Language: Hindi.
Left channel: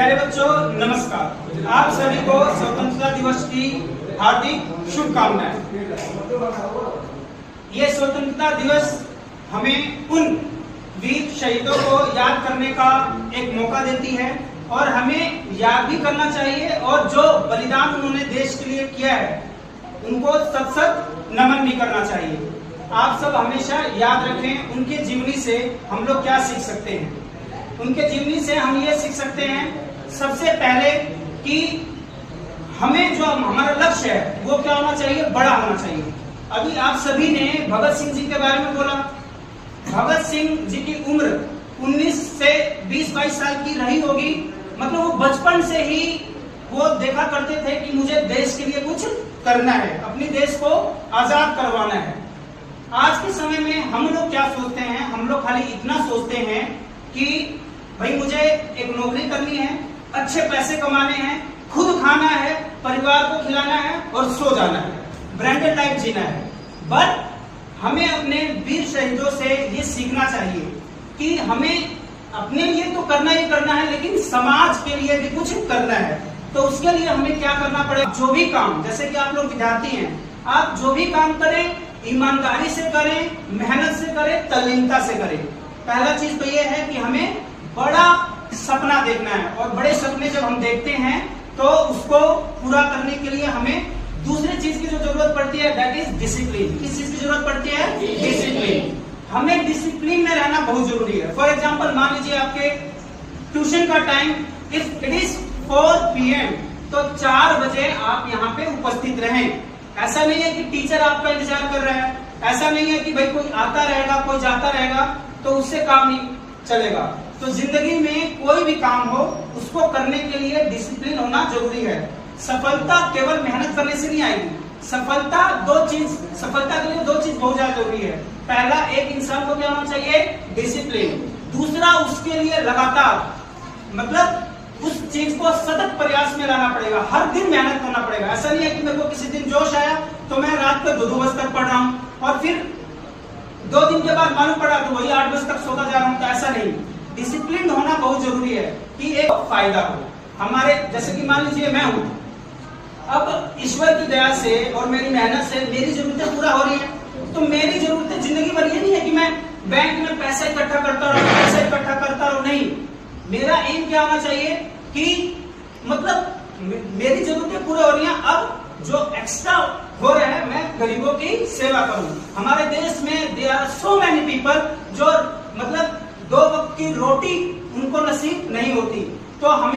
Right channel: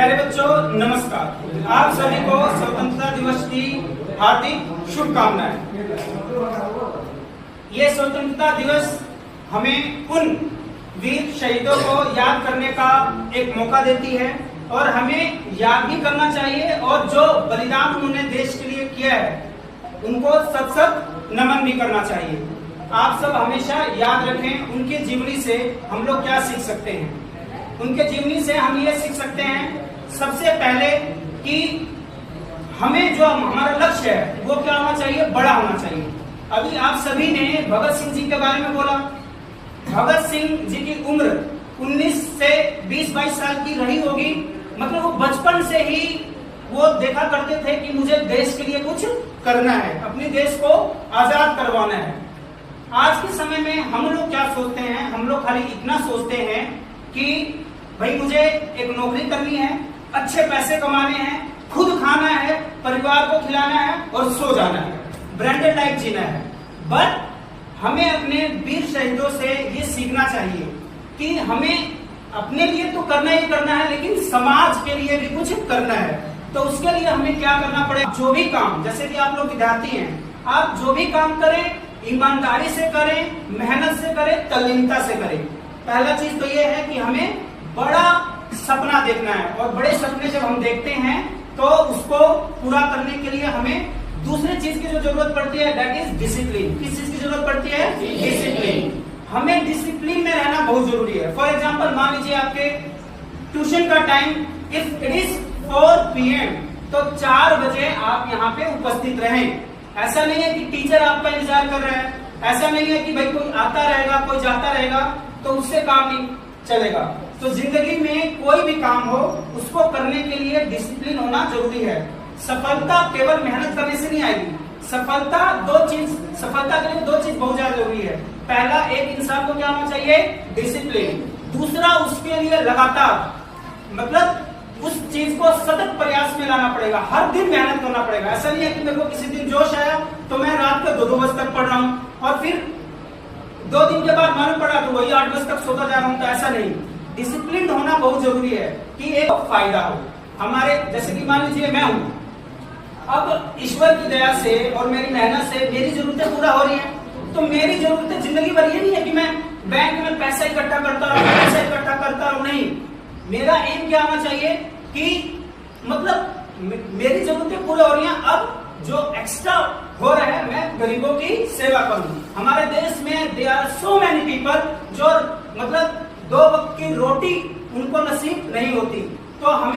प्यारे बच्चों नमस्कार। आप सभी को स्वतंत्रता दिवस की हार्दिक शुभकामनाएं। ये स्वतंत्रता दिवस हमें उन वीर शहीदों को याद करने का एक मौका देती है और हमें याद भी करना चाहिए और जो बलिदान उन्होंने देश के लिए किया है उनको सत सत नमन भी करना चाहिए। आप सब हमेशा याद रखें उनके जीवनी से हम लोग क्या सीख सकते हैं। उनके जीवनी से हम ये सीख सकते हैं सबसे पहले कि हमें जो हमारा लक्ष्य है वो क्या होना चाहिए, बड़ा होना चाहिए। अभी आप सभी ने भगत सिंह जी के बारे में बोला। भगत सिंह जी की उम्र 19 से 20-22 साल की रही होगी, मतलब वो बचपन से ही वो देखा करते थे कि मुझे देश के लिए कुछ करना है, अपने देश को आजाद करवाना है। आज के समय में हम लोग क्या सोचते हैं, हम लोग खाली इतना सोचते हैं कि भाई मुझे एक नौकरी करनी है, अच्छे पैसे कमाने हैं, खुद खाना है, परिवार को खिलाना है और सो जाना है, ब्रांडेड लाइफ जीना है। बट हमें अपने वीर शहीदों से ये सीखना चाहिए कि हमें अपने लिए तो करना ही करना है, लेकिन समाज के लिए भी कुछ करना है। तो उसके लिए हमें क्या करना पड़ेगा, जो भी काम, जैसे कि आप लोग विद्यार्थी हैं, आप जो भी काम करें ईमानदारी से करें, मेहनत से करें, तल्लीनता से करें। पहला चीज तो ये है कि हमें बड़ा सपना देखना है और बड़े सपने जब हम देखते हैं तो उसको पूरा करने के लिए हमें दूसरी चीज की जो जरूरत पड़ती है दैट इज डिसिप्लिन। किस चीज की जरूरत पड़ती है? डिसिप्लिन। हमें डिसिप्लिन में रहना बहुत जरूरी है। फॉर एग्जाम्पल मान लीजिए आपके ट्यूशन का time if it is 4 PM तो 4 बजे आप यहाँ पे उपस्थित रहें। ऐसा नहीं है कि टीचर आपका इंतजार कर रहा है, ऐसा नहीं है कि भाई कोई आता रहेगा कोई जाता रहेगा तो उससे काम नहीं चलेगा। तो जिंदगी में कोई भी काम हो उसको करने के लिए डिसिप्लिन होना जरूरी है। सफलता केवल मेहनत करने से नहीं आएगी। सफलता के लिए दो चीज बहुत ज्यादा जरूरी है। पहला, एक इंसान को क्या होना चाहिए? डिसिप्लिन। दूसरा, उसके लिए लगातार, मतलब उस चीज को सतत प्रयास में लाना पड़ेगा, हर दिन मेहनत करना पड़ेगा। ऐसा नहीं है कि मेरे को किसी दिन जोश आया तो मैं रात को 2-2 बजे तक पढ़ रहा हूँ और फिर 2 दिन के बाद मालूम पड़ा कि वही 8 बजे तक सोता जा रहा हूँ। तो ऐसा नहीं, डिसिप्लिन होना बहुत जरूरी है कि एक फायदा हो हमारे। जैसे कि मान लीजिए मैं हूँ, अब ईश्वर की दया से और मेरी मेहनत से मेरी जरूरतें पूरा हो रही है। तो मेरी जरूरतें जिंदगी भर ये नहीं है कि मैं बैंक में पैसा इकट्ठा करता रहूं, नहीं। मेरा एम क्या होना चाहिए कि मतलब मेरी जरूरतें पूरी हो रही हैं, अब जो एक्स्ट्रा हो रहा है मैं गरीबों की सेवा करूं। हमारे देश में there are so many people जो मतलब 2 वक्त की रोटी उनको नसीब नहीं होती। तो हमें